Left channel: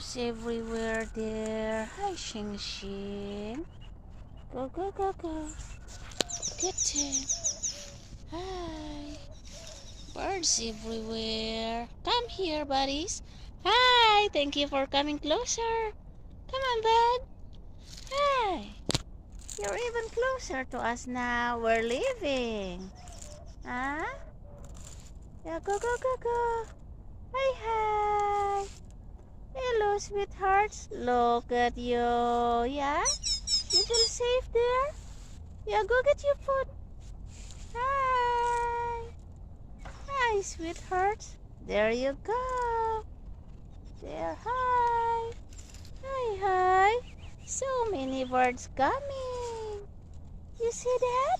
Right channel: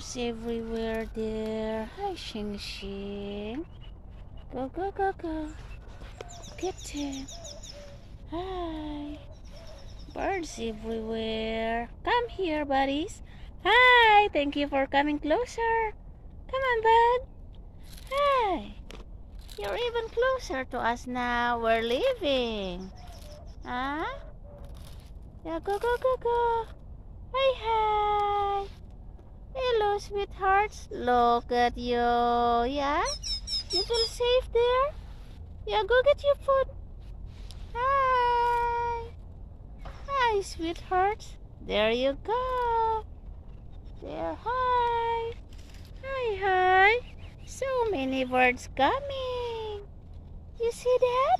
birds everywhere there. Hi, Xing Xing. Go, go, go, go. Good too. Hi. Birds everywhere. Come here, buddies. Hi. Thank you for coming closer. Come on, bud. Hey. You're even closer to us now. We're leaving. Huh? Yeah, go, go, go, go. Hi, hi. Hello, sweethearts. Look at you. Yeah? You feel safe there? Yeah, go get your food. Hi. Hi, sweethearts. There you go. There, hi. Hi, hi. So many birds coming. You see that?